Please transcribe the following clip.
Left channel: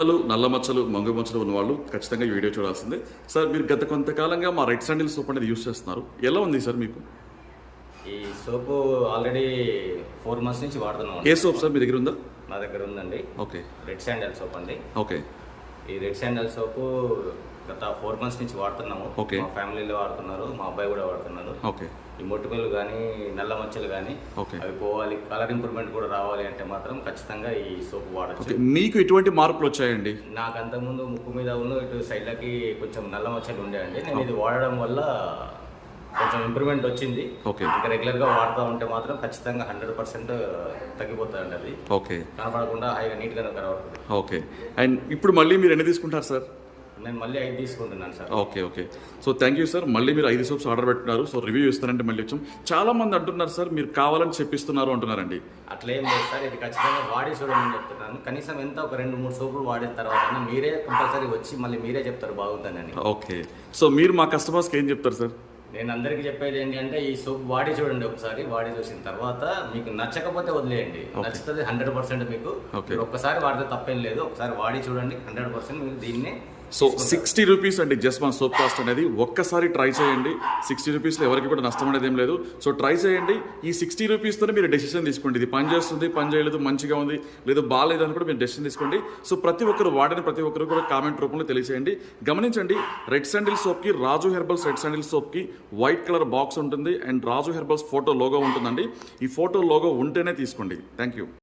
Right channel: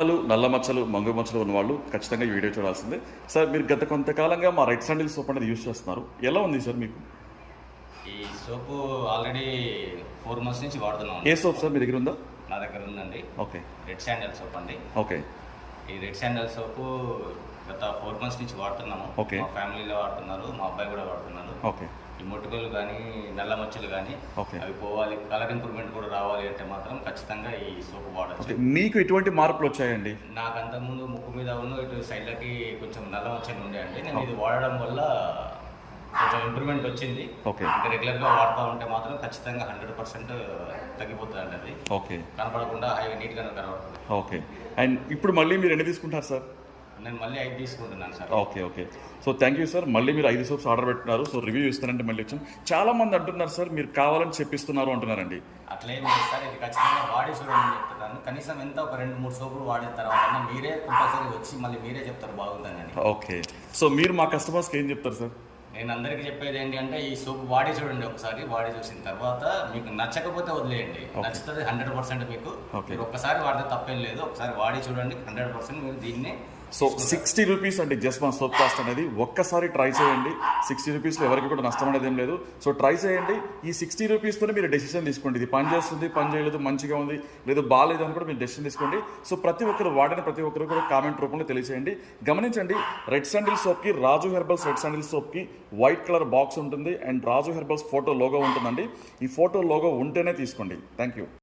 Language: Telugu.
నల్ల మచ్చలు, మంగు మచ్చలు ఉన్నవాళ్ళు ఖచ్చితంగా ఈ వీడియో చూడాల్సిందే. సార్ మీరు గత కొంతకాలంగా మా రెడ్ శాండిల్ సోప్ అనేది యూస్ చేస్తున్నారు. ఎలా ఉంది సార్ మీకు? ఈ సోపు ఆల్రెడీ 4 months నుంచి వాడుతున్నాం. ఏ సోప్ సార్ మీ దగ్గర ఉందా? నా దగ్గర ఉందండి. ఓకే. రెడ్ శాండిల్ సోప్ అండి. ఓకే. ఈ రెడ్ శాండిల్ సోపు గత 4 months నుంచి వాడుతున్నాము. ఓకే. మా ఫ్యామిలీలో వాడుతున్నారు, మా అబ్బాయి కూడా వాడుతున్నాడు. ఓకే. ఈ మొటిమలు కానీ నల్ల మచ్చలు కానీ ఓకే. అవి పోవాలి, కలర్ ఇంప్రూవ్మెంట్ కూడా రావాలి అంటే మాత్రం ఖచ్చితంగా ఈ సోపు వాడచ్చు. ఓకే. మీకు ఎటువంటి మార్పులు వచ్చాయండి? నాకు అంతకుముందు ముక్కు మీద ఇటు సైడ్లకి కొంచెం నల్ల మచ్చలు ఉండేయండి. నేను ఇది వాడడం వల్ల కొంచెం ఇంప్రూవ్మెంట్ వచ్చింది. ఓకే. ఇంకా రెగ్యులర్గా వాడుతూ ఉంటే మాత్రం ఖచ్చితంగా 100% తగ్గిపోతుందండి. అది ఓకే. కనపడకుండా హాయిగా నీట్గానే కనబడుతుంది. ఓకే. అండ్ ఇప్పుడు మళ్ళీ మీరు ఎన్ని తీసుకుంటారు సార్? నేను మళ్ళీ 5 తీసుకుంటున్నాను sir. Okay. Okay. So thank you sir. మళ్ళీ మీరు 5 సోప్స్ ఆర్డర్ పెట్టున్నారు. సో రివ్యూ ఇస్తారంటే మళ్ళీ వచ్చాం. చాలా మంది అంటున్నారు సార్ మీరు కావాలని చెప్పిస్తున్నారు అంటున్నారండి. అట్లా ఏం లేదు సార్, ఇది ఖచ్చితంగా వాడి చూడమని చెప్తున్నాను. కనీసం ఎంత ఒక 2-3 సోపులు వాడిన తర్వాత మీరే కంపల్సరీ వచ్చి మళ్ళీ మీరే చెప్తారు బాగుందని. ఓకే. సో మీరు మా కస్టమర్స్కి ఏం చెప్తారు సార్? నేను అందరికీ చెప్పేది ఏంటి అంటే ఈ సోప్ వాడి చూడండి ఒకసారి. వాడి చూసిన తర్వాత మీకు నచ్చకపోతే వదిలేయండి. నచ్చుతుంది 100% మీకు. ఒక్కసారి వాడితే తప్పేం లేదు. ఒకసారి వాడి చూడండి, 100% మీరు దీన్ని. సో 60 రూపీస్ అండి జస్ట్ మన సోప్ కాస్ట్ అనేది. ఒక్కసారి ట్రై చేయండి. 60 రూపీస్లో ఎవరికి కూడా నష్టం అనేది ఏం లేదు. సో ట్రై చేయండి. ఈ 60 రూపీస్తోనే మీరు డెసిషన్ తీసుకోండి. ఇది పని చేస్తుంది, పని చేయలేదు, మంచిగా ఉంది, లేదు బాగాలేదు అని కూడా మీరు డెసిషన్ తీసుకోండి. సో ప్రతి ఒక్కరు వాడిన ప్రతి ఒక్కరు కూడా కామెంట్ రూపంలో తెలియజేయండి. గమనించండి, రెడ్ శాండిల్ సోప్కి, రాజు హెర్బల్స్ రెడ్ శాండిల్ సోప్కి వైట్ కలర్ బాక్స్ ఉంటుంది and Raju herbals photo logo ఉంటుందండి. ఈ ఫోటో లోగో ఉంటేనే తీసుకోండి. Thank you.